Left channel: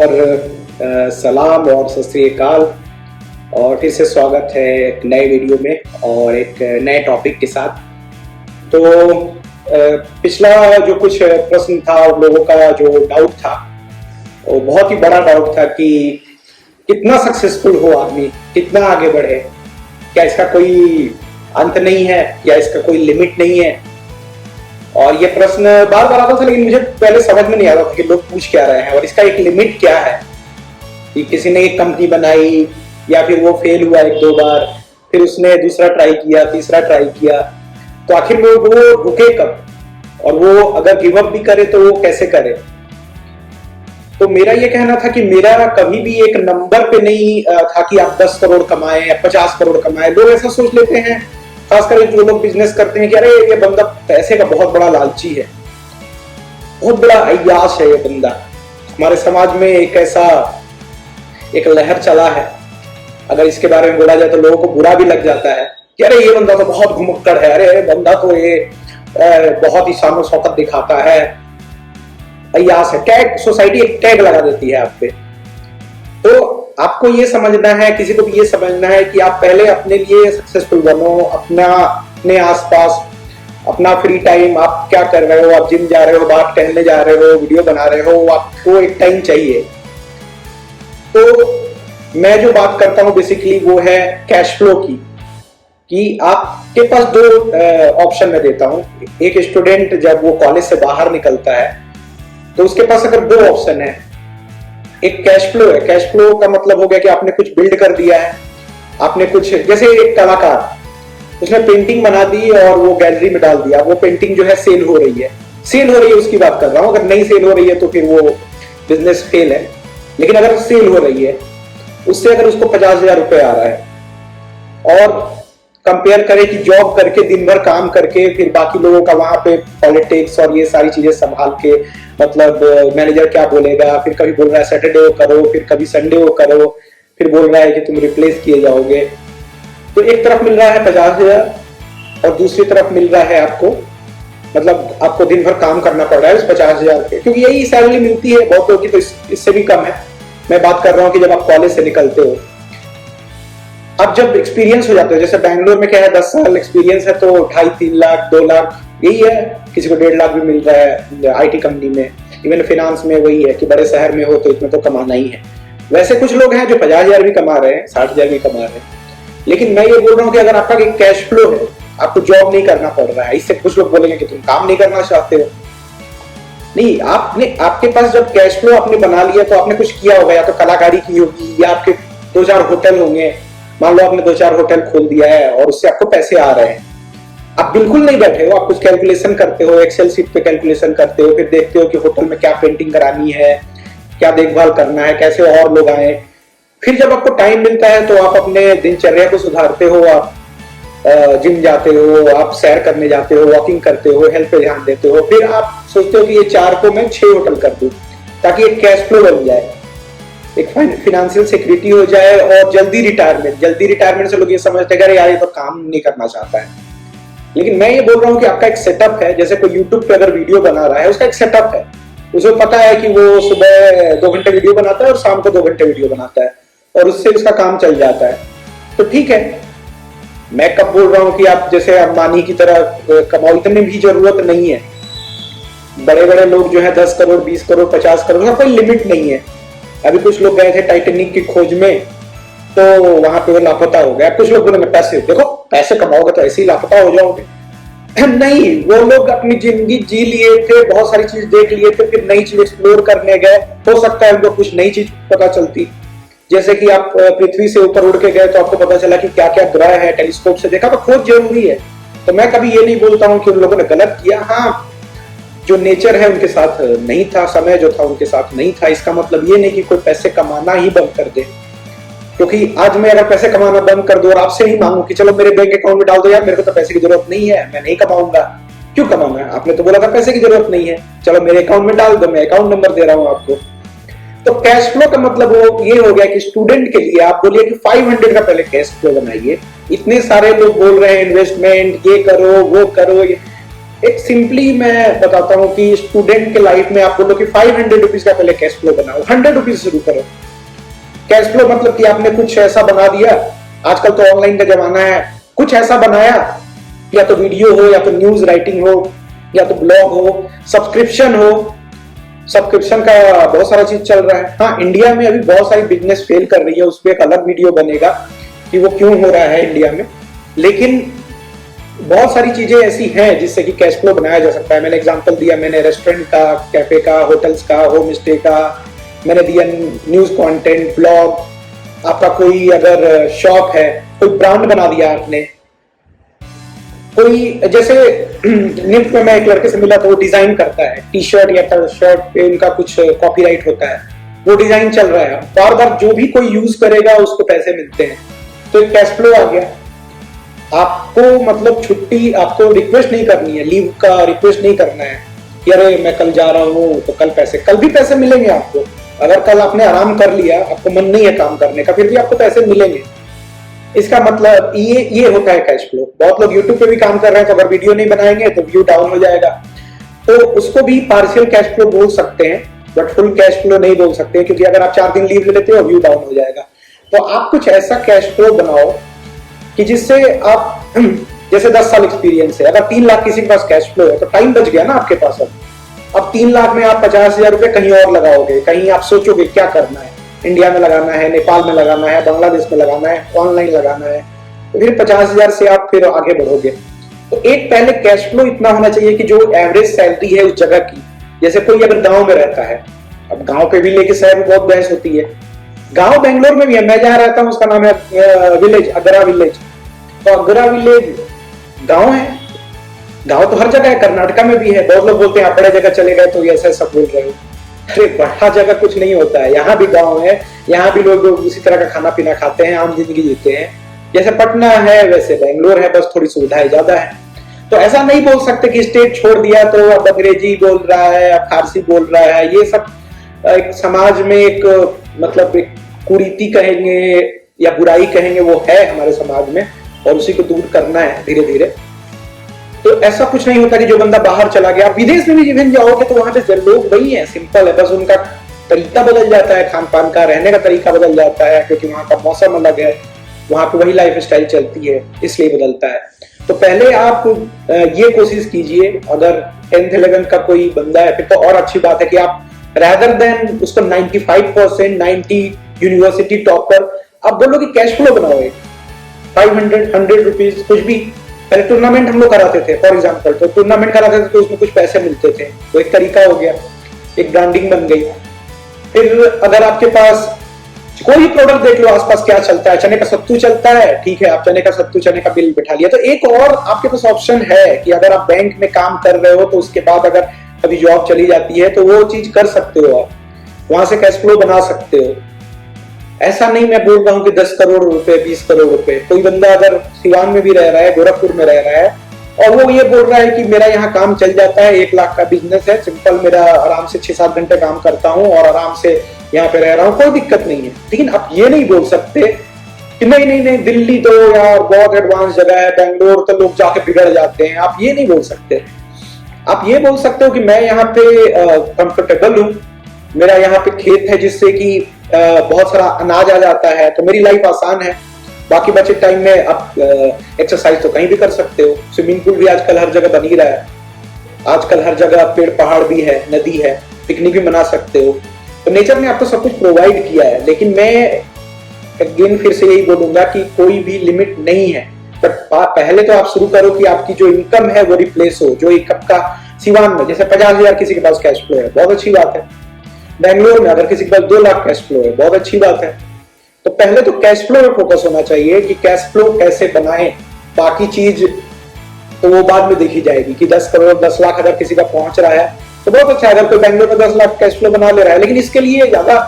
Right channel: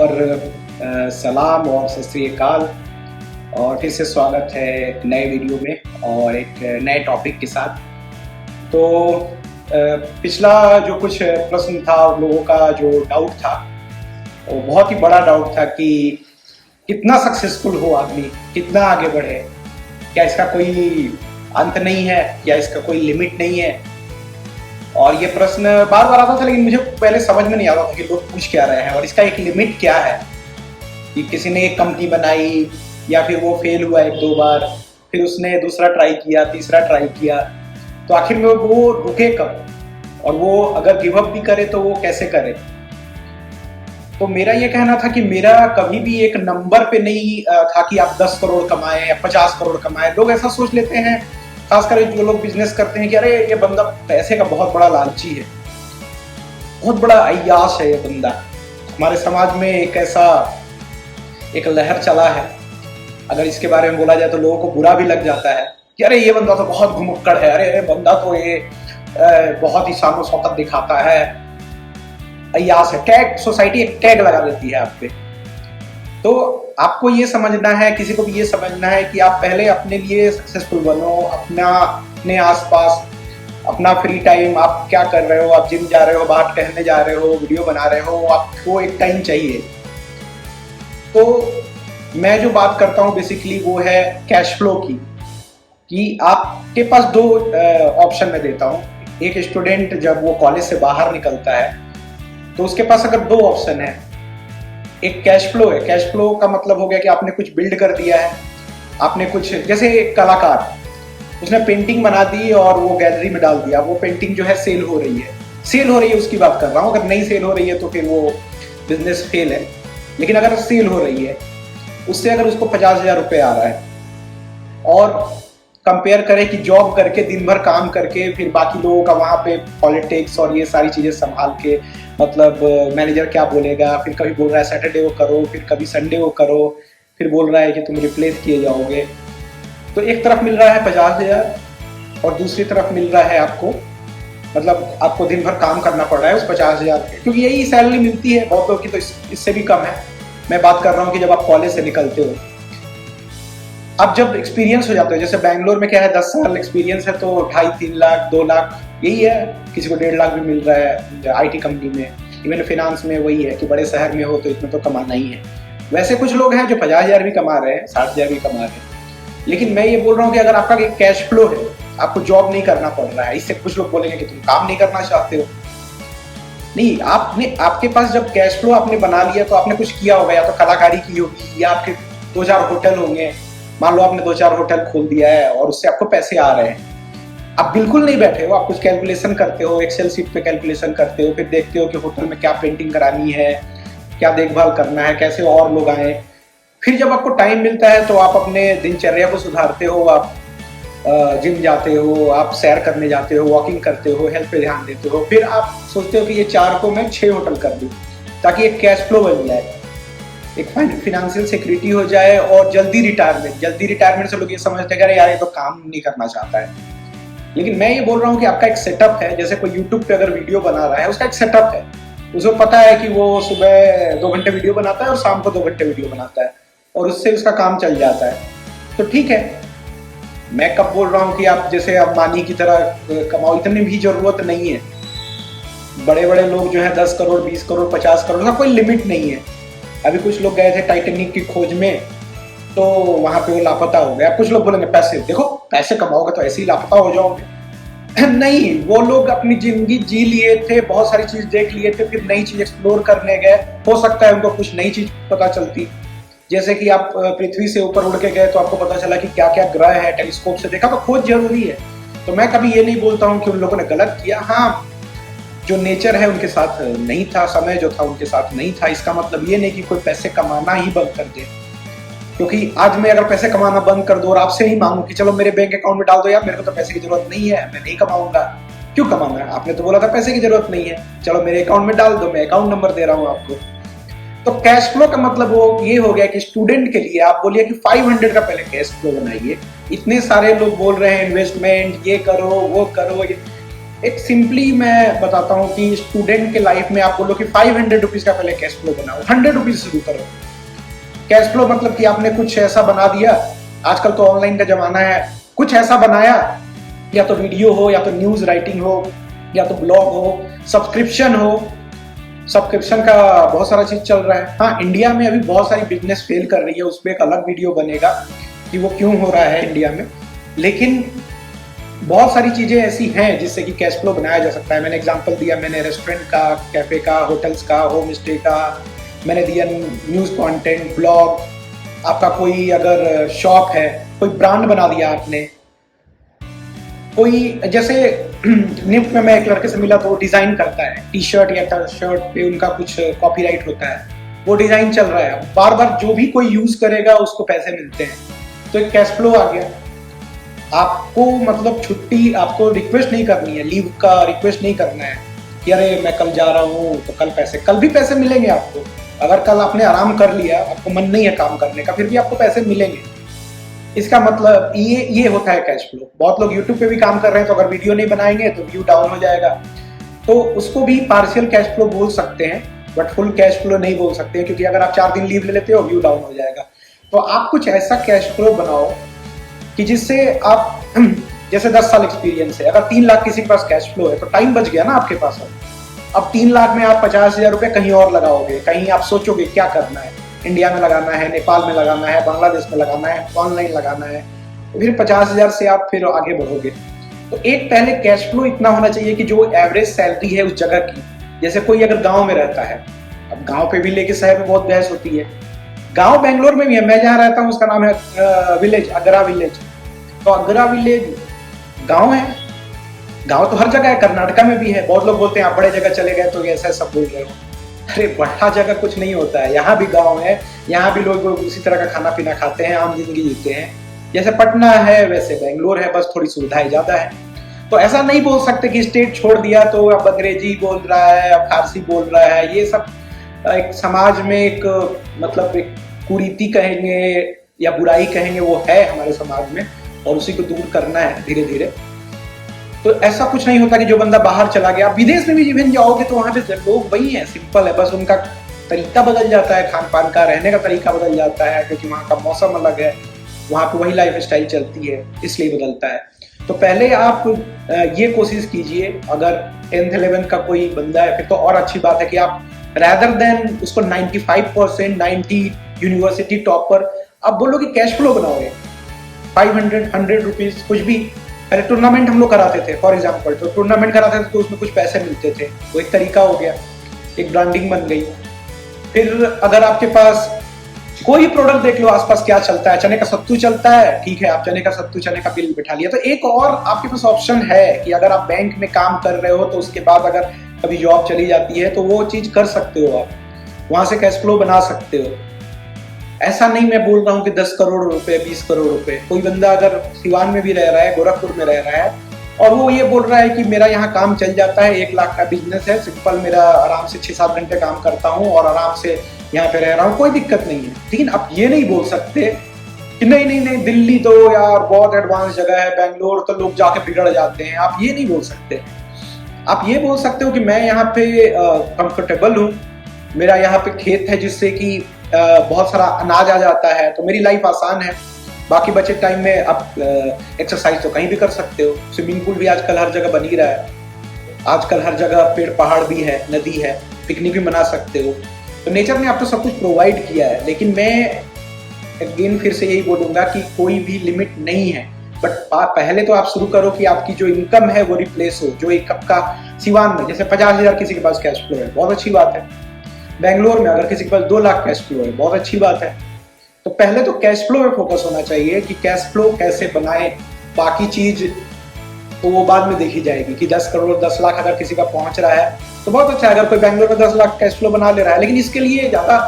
और सलाम और सत श्री अकाल। और फिर से स्वागत है एक नए वीडियो में और एक नए टॉपिक के साथ। तो पिछला जो कुछ प्रश्न था और लोगों का जो डाउट था वो बहुत ही बड़ा डाउट था कि कितना सक्सेसफुल हो आदमी, कितना आगे बढ़े, क्या इसका कोई अंत नहीं है या इसका कोई लिमिट नहीं है। और ये प्रश्न बार बार आता था, लेकिन मुझे पहले समझ में नहीं आता था कि लोग पूछ क्या रहे हैं और इसका एक लिमिट क्या है। कि किसी ने एक कंपनी बनाई या फिर वो फेल हुआ एक दो बार, फिर उसने दूसरा ट्राई किया, तीसरा ट्राई किया, तो आखिर में वो रुके कब, और वो अगर गिव अप भी करे तो वो कैसे करे। तो मेरा ये कहना था कि मेरा कभी भी एक नंबर पे नहीं था कि आप 10 करोड़ कमाए या 50 करोड़ कमाए। लोग ऐसा सोच लेते हैं, खासकर जो लोग बिजनेस करते हैं, कि अरे ये बंदा पैसे का बहुत बड़ा लालची है, बहुत बड़ा अय्यास है ये बंदा। हमारे समाज में एक लहर चला है, अगर इसके बारे में बोला जाए तो लोगों को बुरा भी लग जाता है कि अरे ये बंदा तो बहुत घुमक्कड़ है, अरे ये बंदा तो ये बहुत ही शान शौकत दिखाता है, अय्यास है। टैग, सोसाइटी एक टैग लगा देती है आप पे। तो आपको ये समझना है, किसी को भी ये समझना है कि आप पहले अपने लिए सक्सेसफुल बनो, अपने आसपास अपना फ्री टाइम, आप क्या कर रहे हो, आप जिम जा रहे हो, बाहर टहलने जा रहे हो, वीडियो बना रहे हो, आपको एक टाइम चाहिए। तो मैं जो बात करता हूं बेसिकली वो है कैश फ्लो की, कि आपके पास दो ऑप्शन मैं देता हूं। एक स्टूडेंट जब वो कॉलेज से बाहर निकलता है तो उसके पास अगर दो ऑप्शन है, एक कैश फ्लो है। कैश फ्लो का मतलब हो गया कि आपने कुछ बिल्ड कर दिया है, आपने कुछ, जैसे एक कलाकार, उसने पेंटिंग बना दी और वो गैलरी में डाल दिया, वो पेंटिंग जो है सेल हो रही है, उसकी बात कर रहा हूं। अगर नहीं सेल हो रही है तो फिर वो बिजनेस फेल है। लेकिन अगर सेल हो रही है, उससे अगर उसको 50,000 रुपए आ रहा है, और कंपेयर करें कि जॉब करके दिन भर काम करके फिर बाकी लोगों का वहां पे पॉलिटिक्स और ये सारी चीजें संभाल के, मतलब मैनेजर क्या बोलेगा, फिर कभी बोल रहा है सैटरडे को करो, फिर कभी संडे को करो, फिर बोल रहा है कि तुम रिप्लेस किए जाओगे। तो एक तरफ मिल रहा है 50,000 और दूसरी तरफ मिल रहा है आपको, मतलब आपको दिन भर काम करना पड़ रहा है उस 50,000 के, क्योंकि यही सैलरी मिलती है बहुत लोगों की, तो इससे भी कम है। मैं बात कर रहा हूँ कि जब आप कॉलेज से निकलते हो, अब जब एक्सपीरियंस हो जाते हो, जैसे बैंगलोर में क्या है, 10 साल एक्सपीरियंस है तो 2.5-3 लाख 2 लाख यही है, किसी को 1.5 लाख भी मिल रहा है आईटी कंपनी में। इवन फिनांस में वही है कि बड़े शहर में हो तो इसमें तो कमाना ही है। वैसे कुछ लोग हैं जो 50,000 भी कमा रहे हैं, 60,000 भी कमा रहे हैं। लेकिन मैं ये बोल रहा हूँ कि अगर आपका एक कैश फ्लो है, आपको जॉब नहीं करना पड़ रहा है, इससे कुछ लोग बोलेंगे कि तुम काम नहीं करना चाहते हो। नहीं, आपके पास जब कैश फ्लो आपने बना लिया तो आपने कुछ किया होगा, या तो कलाकारी की होगी, या आपके 2-4 होटल होंगे। मान लो आपने 2-4 होटल खोल दिया है और उससे आपको पैसे आ रहे हैं। आप बिल्कुल नहीं बैठे हो, आप कुछ कैलकुलेशन करते हो, एक्सेल शीट पे कैलकुलेशन करते हो, फिर देखते हो कि होटल में क्या पेंटिंग करानी है, क्या देखभाल करना है, कैसे और लोग आए। फिर जब आपको टाइम मिलता है तो आप अपने दिनचर्या को सुधारते हो, आप जिम जाते हो, आप सैर करने जाते हो, वॉकिंग करते हो, हेल्थ पे ध्यान देते हो। फिर आप सोचते हो कि ये 4 को मैं 6 होटल कर दूं, ताकि एक कैश फ्लो बन जाए, एक फाइनेंशियल सिक्योरिटी हो जाए, और जल्दी रिटायरमेंट से लोग ये समझते हैं यार ये तो काम नहीं करना चाहता है। लेकिन मैं ये बोल रहा हूँ कि आपका एक सेटअप है। जैसे कोई यूट्यूब पे अगर वीडियो बना रहा है, उसका एक सेटअप है, उसे पता है कि वो सुबह 2 घंटे वीडियो बनाता है और शाम को 2 घंटे वीडियो बनाता है, और उससे उसका काम चल जाता है। तो ठीक है, मैं कब बोल रहा हूँ कि आप जैसे अंबानी की तरह कमाओ, इतनी भी जरूरत नहीं है। बड़े बड़े लोग जो है 10 करोड़ 20 करोड़ 50 करोड़ का कोई लिमिट नहीं है। अभी कुछ लोग गए थे टाइटेनिक की खोज में, तो वहां पे वो लापता हो गया। कुछ लोग बोलेंगे पैसे, देखो पैसे कमाओगे तो ऐसे ही लापता हो जाओगे। नहीं, वो लोग अपनी जिंदगी जी लिए थे, बहुत सारी चीज देख लिए थे, फिर नई चीज एक्सप्लोर करने गए। हो सकता है उनको कुछ नई चीज पता चलती, जैसे कि आप पृथ्वी से ऊपर उड़ के गए तो आपको पता चला कि क्या क्या ग्रह है, टेलीस्कोप से देखा। तो खोज जरूरी है। तो मैं कभी ये नहीं बोलता हूँ कि उन लोगों ने गलत किया। हाँ, जो नेचर है उनके साथ नहीं था, समय जो था उनके साथ नहीं था। इसका मतलब ये नहीं कि कोई पैसे कमाना ही बंद कर दे, क्योंकि आज मैं अगर पैसे कमाना बंद कर दूं और आपसे ही मांगू कि चलो मेरे बैंक अकाउंट में डाल दो, यार मेरे को तो पैसे की जरूरत नहीं है, मैं नहीं कमाऊंगा। क्यों कमाऊंगा? आपने तो बोला था पैसे की जरूरत नहीं है, चलो मेरे अकाउंट में डाल दो, मैं अकाउंट नंबर दे रहा हूं आपको। तो कैश फ्लो का मतलब वो ये हो गया कि स्टूडेंट के लिए आप बोलिए कि 500 का पहले कैश फ्लो बनाइए। इतने सारे लोग बोल रहे हैं इन्वेस्टमेंट, ये करो वो करो, एक सिंपली मैं बताता हूँ कि स्टूडेंट के लाइफ में आप बोलो कि 500 रुपीज का पहले कैश फ्लो बनाओ, 100 रुपीज शुरू करो। कैश फ्लो मतलब कि आपने कुछ ऐसा बना दिया, आजकल तो ऑनलाइन का जमाना है, कुछ ऐसा बनाया, या तो वीडियो हो, या तो न्यूज राइटिंग हो, या तो ब्लॉग हो, सब्सक्रिप्शन हो। सब्सक्रिप्शन का बहुत सारा चीज चल रहा है। हाँ, इंडिया में अभी बहुत सारी बिजनेस फेल कर रही है, उस पर एक अलग वीडियो बनेगा कि वो क्यों हो रहा है इंडिया में। लेकिन बहुत सारी चीजें ऐसी हैं जिससे कि कैश फ्लो बनाया जा सकता है। मैंने एग्जांपल दिया, मैंने रेस्टोरेंट का, कैफे का, होटल्स का, होम स्टे का, मैंने दिया न्यूज कंटेंट, ब्लॉग। आपका कोई अगर शॉप है, कोई ब्रांड बना दिया आपने, कोई जैसे निफ्ट में मैं एक लड़के से मिला तो वो डिजाइन करता है टी शर्ट या शर्ट पे, उनका कुछ कॉपीराइट होता है, वो डिजाइन चल रहा है, बार बार जो भी कोई यूज करेगा उसको पैसे मिलते हैं, तो एक कैश फ्लो आ गया। आपको मतलब छुट्टी, आपको रिक्वेस्ट नहीं करनी है, लीव का रिक्वेस्ट नहीं करना है कि अरे मैं कल जा रहा हूँ तो कल भी पैसे मिलेंगे आपको। अगर कल आपने आराम कर लिया, आपको मन नहीं है काम करने का, फिर भी आपको पैसे मिलेंगे। इसका मतलब ये होता है कैश फ्लो। बहुत लोग यूट्यूब पे भी काम कर रहे हैं, तो अगर वीडियो नहीं बनाएंगे तो व्यू डाउन हो जाएगा, तो उसको भी पार्शियल कैश फ्लो बोल सकते हैं, बट फुल कैश फ्लो नहीं बोल सकते, क्योंकि अगर आप 4 दिन लीव ले लेते हो, व्यू डाउन हो जाएगा। तो आप कुछ ऐसा कैश फ्लो बनाओ कि जिससे आप जैसे 10 साल एक्सपीरियंस है, अगर 3 लाख किसी के पास कैश फ्लो है तो टाइम बच गया ना आपके पास। अब 3 लाख में आप 50,000 रुपए कहीं और लगाओगे, कहीं आप सोचोगे क्या करना है, इंडिया में लगाना है, नेपाल में लगाना है, बांग्लादेश में लगाना है, ऑनलाइन लगाना है, तो फिर 50,000 से आप फिर आगे बढ़ोगे। तो एक पहले कैश फ्लो इतना होना चाहिए कि जो एवरेज सैलरी है उस जगह की, जैसे कोई अगर गांव में रहता है, अब गांव पे भी लेके शहर में बहुत बहस होती है, गांव बेंगलोर में भी है, मैं जहां रहता हूँ उसका नाम है विलेज, अगरा विलेज। तो अगरा विलेज गांव है, गांव तो हर जगह है, कर्नाटका में भी है। बहुत लोग बोलते हैं आप बड़े जगह चले गए तो ऐसा सब बोल रहे हो, अरे बड़ा जगह कुछ नहीं होता है, यहाँ भी गांव है, यहाँ भी लोग उसी तरह का खाना पीना खाते हैं, आम जिंदगी जीते हैं। जैसे पटना है वैसे बेंगलोर है, बस थोड़ी सुविधाएं ज्यादा है। तो ऐसा नहीं बोल सकते कि स्टेट छोड़ दिया तो अब अंग्रेजी बोल रहा है, अब फारसी बोल रहा है। ये सब एक समाज में एक मतलब एक कुरीति कहेंगे या बुराई कहेंगे, वो है हमारे समाज में, और उसी को दूर करना है धीरे धीरे। तो ऐसा कुछ नहीं होता कि जो बंदा बाहर चला गया, विदेश में भी इवन जाओगे तो वहां पे लोग वही है, सिंपल है, बस उनका तरीका बदल जाता है, खान पान का, रहने का तरीका बदल जाता है, क्योंकि वहां का मौसम अलग है, वहां पे वही लाइफ स्टाइल चलती है, इसलिए बदलता है। तो पहले आप ये कोशिश कीजिए, अगर 10th 11th का कोई बंदा है फिर तो और अच्छी बात है कि आप रेदर देन उसको 95% 90 यूनिवर्सिटी टॉपर, आप बोलो कि कैश फ्लो बनाओ 500 100 रुपीज कुछ भी। पहले टूर्नामेंट हम लोग कराते थे फॉर एग्जांपल, तो टूर्नामेंट कराते थे तो उसमें कुछ पैसे मिलते थे, तो एक तरीका हो गया, एक ब्रांडिंग बन गई। फिर अगर आपके पास कोई प्रोडक्ट देख लो आसपास क्या चलता है, चने का सत्तू चलता है, ठीक है, आप चने का सत्तू, चने का बिल बिठा लिया। तो एक और आपके पास ऑप्शन है कि अगर आप बैंक में काम कर रहे हो तो उसके बाद अगर कभी जॉब चली जाती है तो वो चीज कर सकते हो, आप वहां से कैश फ्लो बना सकते हो। ऐसा नहीं मैं बोल रहा हूँ कि 10 करोड़ रुपए 20 करोड़ रुपए, कोई बंदा अगर सिवान में भी रह रहा है, गोरखपुर में रह रहा है, और वो ये बोल रहा है कि मेरा यहाँ काम चल जाता है, 1 लाख का बिजनेस है, सिंपल, मेरा आराम से 6-7 घंटे काम करता हूँ और आराम से यहाँ पे रह रहा हूँ, कोई दिक्कत नहीं है। लेकिन आप ये नहीं बोल सकते कि नहीं नहीं नहीं दिल्ली तो यार बहुत एडवांस जगह है, बेंगलोर तो लोग जाके बिगड़ जाते हैं, आप ये नहीं बोल सकते। आप ये बोल सकते हो कि मैं यहाँ पे कंफर्टेबल हूँ, मेरा यहाँ पे खेत है जिससे कि बहुत सारा अनाज आ जाता है, तो मेरी लाइफ आसान है। बाकी बचे टाइम में आप एक्सरसाइज तो कहीं भी कर सकते हो, स्विमिंग पूल भी आजकल हर जगह बन ही रहा है, आजकल हर जगह पेड़ पहाड़ भी है, नदी है, पिकनिक भी मना सकते हो। तो नेचर ने आपको सब कुछ प्रोवाइड किया है। लेकिन मैं अगेन फिर से यही बोलूंगा कि कोई भी लिमिट नहीं है, बट पहले तो आप शुरू करो कि आपकी जो इनकम है वो रिप्लेस हो। जो एक आपका सिवान में जैसे 50,000 किसी के पास कैश फ्लो है, बहुत अच्छी बात है। बेंगलोर में अगर किसी के पास 2 लाख कैश फ्लो है, बहुत अच्छी बात है। तो पहले तो कैश फ्लो पे फोकस होना चाहिए कि कैश फ्लो कैसे बनाएं, बाकी चीज तो वो बाद में देखी जाएगी कि 10 करोड़ 10 लाख अगर किसी का पहुंच रहा है तो बहुत अच्छा है। अगर कोई बेंगलोर में 10 लाख कैश फ्लो बना ले रहा है, लेकिन इसके लिए ज्यादा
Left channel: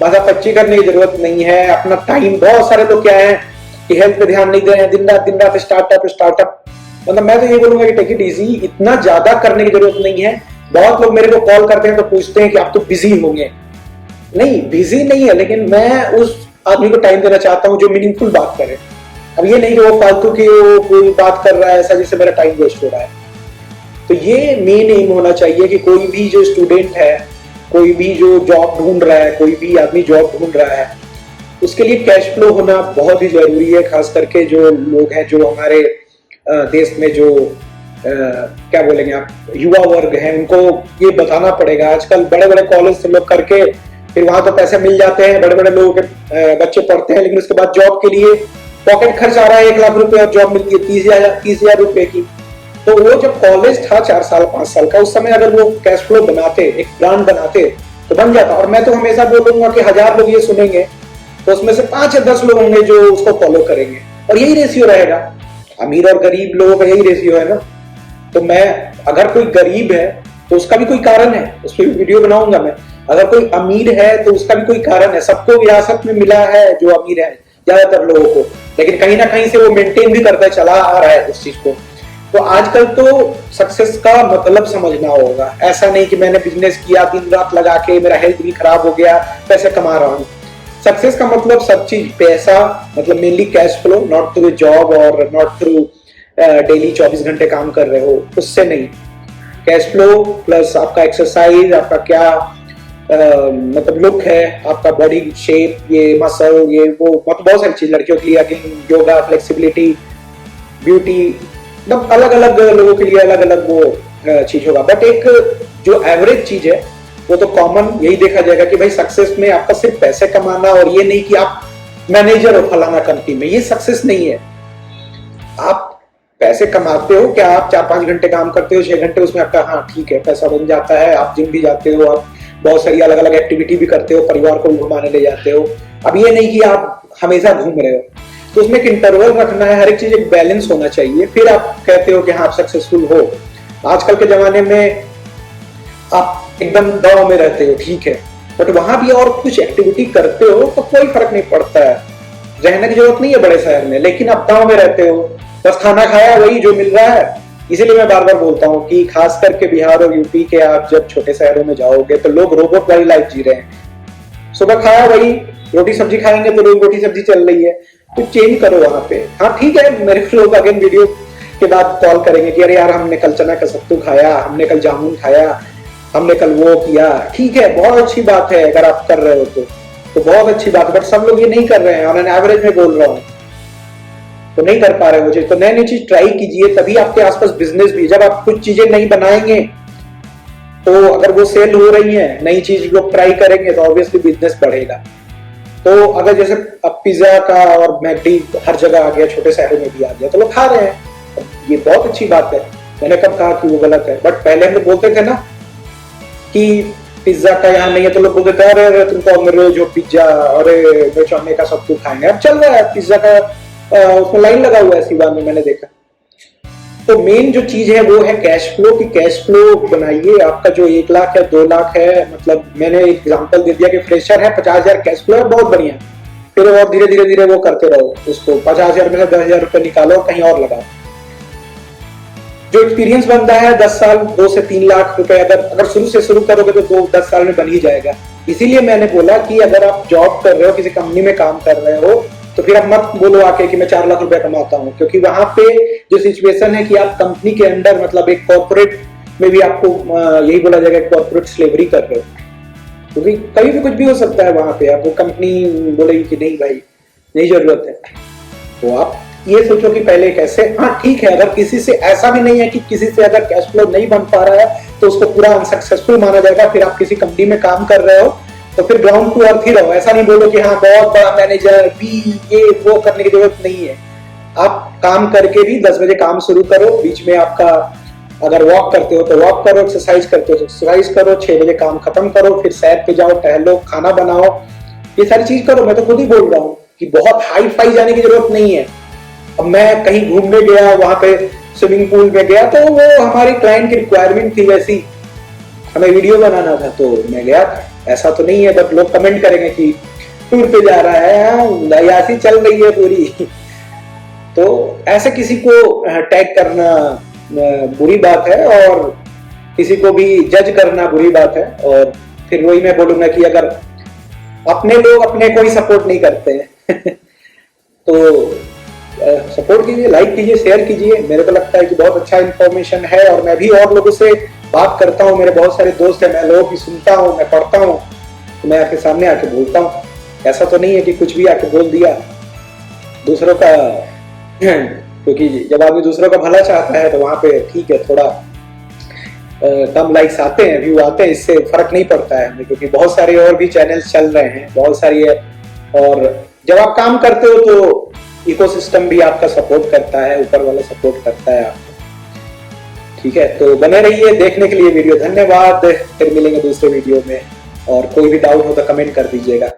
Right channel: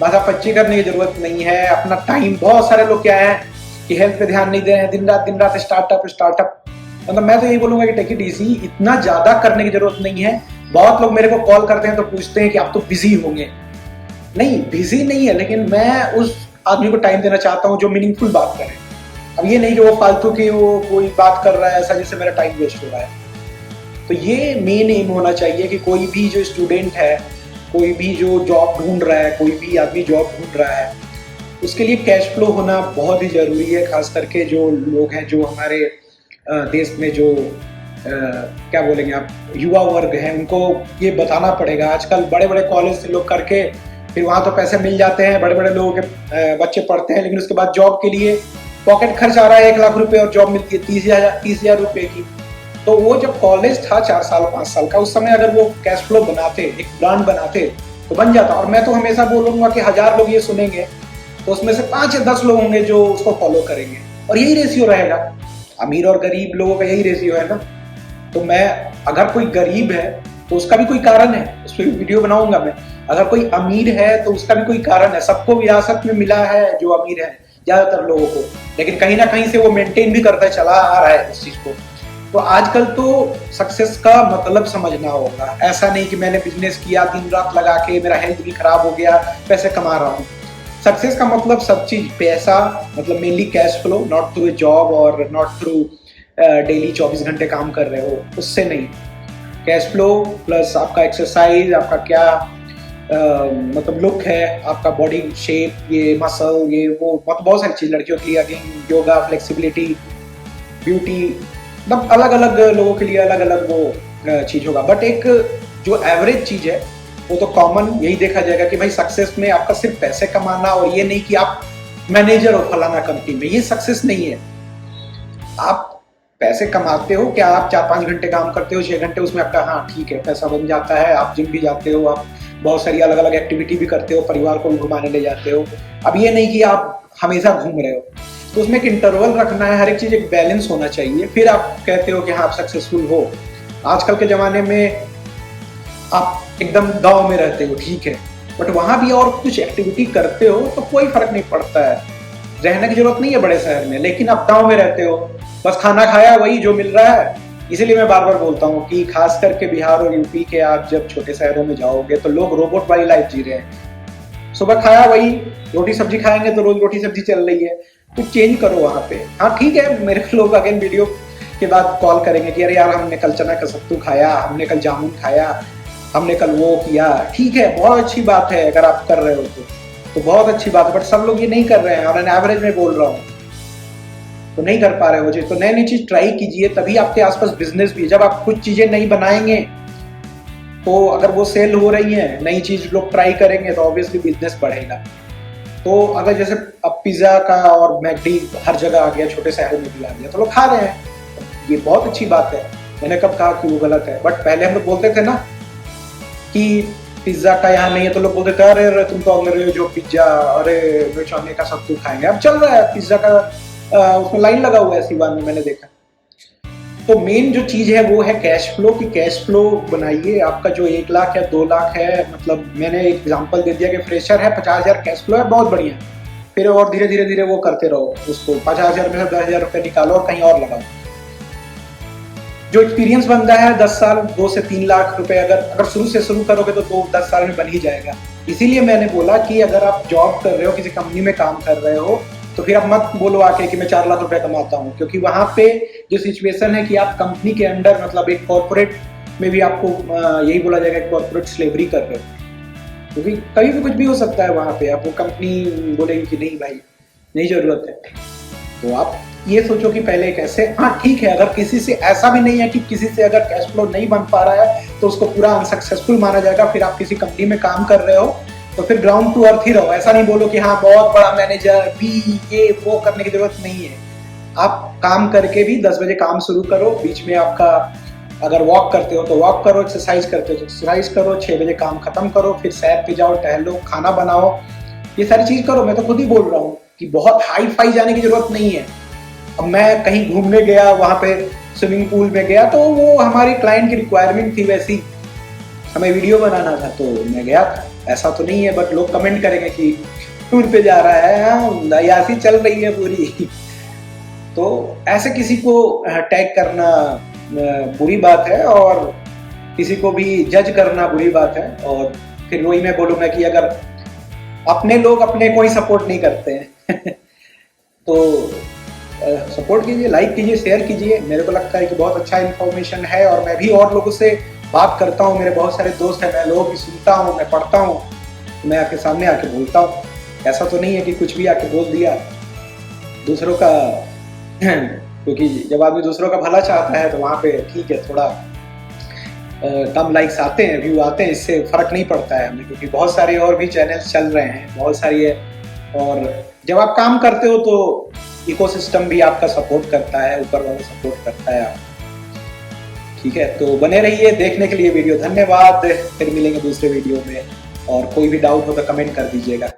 भाषा पच्ची करने की जरूरत नहीं है। अपना टाइम, बहुत सारे लोग क्या है कि हेल्थ पे ध्यान नहीं दे रहे हैं, दिन रात स्टार्टअप, मतलब मैं तो ये बोलूंगा कि टेक इट इजी, इतना ज्यादा करने की जरूरत नहीं है। बहुत लोग मेरे को कॉल करते हैं तो पूछते हैं कि आप तो बिजी होंगे, नहीं बिजी नहीं है, लेकिन मैं उस आदमी को टाइम देना चाहता हूँ जो मीनिंगफुल बात करे। अब ये नहीं कि वो फालतू की वो कोई बात कर रहा है ऐसा जिससे मेरा टाइम वेस्ट हो रहा है। तो ये मेन एम होना चाहिए कि कोई भी जो स्टूडेंट है, कोई भी जो जॉब ढूंढ रहा है, कोई भी आदमी जॉब ढूंढ रहा है, उसके लिए कैश फ्लो होना बहुत ही जरूरी है। खास करके जो लोग हैं, जो हमारे देश में जो क्या बोलेंगे आप, युवा वर्ग है, उनको ये बताना पड़ेगा। आजकल बड़े बड़े कॉलेज से लोग करके फिर वहां तो पैसे मिल जाते हैं, बड़े बड़े लोगों के बच्चे पढ़ते हैं, लेकिन उसके बाद जॉब के लिए पॉकेट खर्च आ रहा है 1 लाख रुपए और जॉब मिलती है 30,000 रुपए की। तो वो जब कॉलेज था 4 साल 5 साल का, उस समय अगर वो कैश फ्लो बनाते, एक ब्रांड बनाते, तो बन जाता। और मैं तो हमेशा बोलूंगा कि 1000 लोग ये सुनेंगे तो उसमें से 5 या 10 लोग होंगे जो उसको फॉलो करेंगे, और यही रेशियो रहेगा। अमीर और गरीब लोगों का यही रेशियो है ना। तो मैं, अगर कोई गरीब है तो उसका भी कोई कारण है, उस पर वीडियो बनाऊंगा मैं। अगर कोई अमीर है तो उसका भी कोई कारण है। सबको विरासत में मिला है जो अमीर है, ज्यादातर लोगों को, लेकिन कहीं ना कहीं से वो मेंटेन भी करता चला आ रहा है उस चीज को। तो आजकल तो सक्सेस का मतलब समझना होगा। ऐसा नहीं कि मैंने बिजनेस किया, दिन रात लगा के मेरा हेल्थ भी खराब हो गया, पैसे कमा रहा हूं। सक्सेस का मतलब सब चीज, पैसा मतलब mainly cash flow, not through job और नॉट थ्रू डेली 24 घंटे काम कर रहे हो, उससे नहीं। कैश फ्लो प्लस आपका एक्सरसाइज, आपका क्या मतलब लुक है, आपका बॉडी शेप, ये मसल, ये वो, मतलब बहुत सारी चीज। लड़कियों के लिए योगा, फ्लेक्सिबिलिटी, ब्यूटी, मतलब अलग अलग लोगों के लिए अलग अलग वो चीज होगा। बट एक जो एवरेज चीज है वो तो कॉमन यही देखा जाएगा कि भाई सक्सेस में आपका सिर्फ पैसे कमाना, और ये नहीं कि आप मैनेजर हो फलाना कंपनी में, ये सक्सेस नहीं है। आप पैसे कमाते हो क्या, आप 4-5 घंटे काम करते हो, 6 घंटे उसमें आपका, हाँ ठीक है, पैसा बन जाता है। आप जिम भी जाते हो, आप बहुत सारी अलग अलग एक्टिविटी भी करते हो, परिवार को भी घुमाने ले जाते हो। अब ये नहीं कि आप हमेशा घूम रहे हो, तो उसमें एक इंटरवल रखना है, हर एक चीज एक बैलेंस होना चाहिए, फिर आप कहते हो कि हाँ आप सक्सेसफुल हो। आजकल के जमाने में आप एकदम गांव में रहते हो, ठीक है, बट वहां भी और कुछ एक्टिविटी करते हो तो कोई फर्क नहीं पड़ता है। रहने की जरूरत नहीं है बड़े शहर में, लेकिन आप गांव में रहते हो, बस खाना खाया वही जो मिल रहा है। इसीलिए मैं बार बार बोलता हूँ कि खास करके बिहार और यूपी के आप जब छोटे शहरों में जाओगे तो लोग रोबोट वाली लाइफ जी रहे हैं। सुबह खाया वही, रोटी सब्जी खाएंगे तो रोज रोटी सब्जी चल रही है। तो चेंज करो वहां पे। हाँ ठीक है, मेरे लोग अगेन वीडियो के बाद कॉल करेंगे कि अरे यार हमने कल चना का सत्तू खाया, हमने कल जामुन खाया, हमने कल वो किया। ठीक है, बहुत अच्छी बात है, अगर आप कर रहे हो तो बहुत अच्छी बात है, बट सब लोग ये नहीं कर रहे हैं। और एवरेज में बोल रहा हूँ तो नहीं कर पा रहे हो चीज। तो नई नई चीज ट्राई कीजिए, तभी आपके आसपास बिजनेस भी। जब आप कुछ चीजें नहीं बनाएंगे तो अगर वो सेल हो रही है, नई चीज लोग ट्राई करेंगे तो ऑब्वियसली बिजनेस बढ़ेगा। तो अगर जैसे अब पिज्जा का और मैकडी हर जगह आ गया, छोटे शहरों में भी आ गया, तो लोग खा रहे हैं, ये बहुत अच्छी बात है। मैंने कब कहा कि वो गलत है, बट पहले हम लोग बोलते थे ना कि पिज्जा का यहाँ नहीं है, तो लोग बोलते थे अरे तुम तो अंग्रेज हो, पिज्जा, अरे मिर्चाने का सब कुछ खाएंगे। अब चल रहा है पिज्जा का, उसमें लाइन लगा हुआ है सिवान में, मैंने देखा। तो मेन जो चीज है वो है कैश फ्लो, की कैश फ्लो बनाइए। आपका जो 1 लाख या 2 लाख है, मतलब मैंने एग्जांपल दे दिया कि फ्रेशर है, 50,000 कैश फ्लो है, बहुत बढ़िया। फिर और धीरे धीरे धीरे वो करते रहो, उसको 50,000 में से 10,000 रुपए निकालो और कहीं और लगाओ। जो एक्सपीरियंस बनता है 10 साल, 2 से 3 लाख रुपए अगर शुरू से शुरू करोगे तो 10 साल में बन ही जाएगा। इसीलिए मैंने बोला कि अगर आप जॉब कर रहे हो, किसी कंपनी में काम कर रहे हो, तो फिर आप मत बोलो आके कि मैं 4 लाख रुपए कमाता हूँ, क्योंकि वहां पे जो सिचुएशन है कि आप कंपनी के अंडर, मतलब एक कॉर्पोरेट में भी आपको यही बोला जाएगा कॉर्पोरेट स्लेवरी कर रहे हो, क्योंकि कभी भी कुछ भी हो सकता है वहां पे। आपको कंपनी बोलेगी कि नहीं भाई नहीं जरूरत है, तो आप ये सोचो कि पहले कैसे। हाँ ठीक है, अगर किसी से ऐसा भी नहीं है कि किसी से अगर कैश फ्लो नहीं बन पा रहा है तो उसको पूरा अनसक्सेसफुल माना जाएगा। फिर आप किसी कंपनी में काम कर रहे हो तो फिर ग्राउंड टू अर्थ ही रहो। ऐसा नहीं बोलो कि हाँ बहुत बड़ा मैनेजर भी, ये वो करने की जरूरत नहीं है। आप काम करके भी 10 बजे काम शुरू करो, बीच में आपका अगर वॉक करते हो तो वॉक करो, एक्सरसाइज करते हो तो एक्सरसाइज करो, 6 बजे काम खत्म करो, फिर सैर पे जाओ, टहलो, खाना बनाओ, ये सारी चीज करो। मैं तो खुद ही बोल रहा हूँ कि बहुत हाई फाई जाने की जरूरत नहीं है। अब मैं कहीं घूमने गया, वहां पे स्विमिंग पूल में गया, तो वो हमारी क्लाइंट की रिक्वायरमेंट थी, वैसी हमें वीडियो बनाना था तो मैं गया था। ऐसा तो नहीं है, बट लोग कमेंट करेंगे कि टूर पे जा रहा है, यासी चल रही है पूरी। तो ऐसे किसी को टैग करना बुरी बात है, और किसी को भी जज करना बुरी बात है। और फिर वही मैं बोलूंगा कि अगर अपने लोग अपने को ही सपोर्ट नहीं करते हैं तो सपोर्ट कीजिए, लाइक कीजिए, शेयर कीजिए। मेरे को लगता है कि बहुत अच्छा इन्फॉर्मेशन है और मैं भी और लोगों से बात करता हूँ। मेरे बहुत सारे दोस्त हैं, मैं लोगों की सुनता हूँ, मैं पढ़ता हूँ, तो मैं आपके सामने आके बोलता हूँ। ऐसा तो नहीं है कि कुछ भी आके बोल दिया दूसरों का क्योंकि जब आदमी दूसरों का भला चाहता है तो वहां पे ठीक है, थोड़ा कम लाइक्स आते हैं, व्यू आते हैं, इससे फर्क नहीं पड़ता है हमें, क्योंकि बहुत सारे और भी चैनल्स चल रहे हैं, बहुत सारी है। और जब आप काम करते हो तो इकोसिस्टम भी आपका सपोर्ट करता है, ऊपर वाला सपोर्ट करता है आपको। ठीक है, तो बने रहिए देखने के लिए वीडियो। धन्यवाद, फिर मिलेंगे दूसरे वीडियो में, और कोई भी डाउट हो तो कमेंट कर दीजिएगा।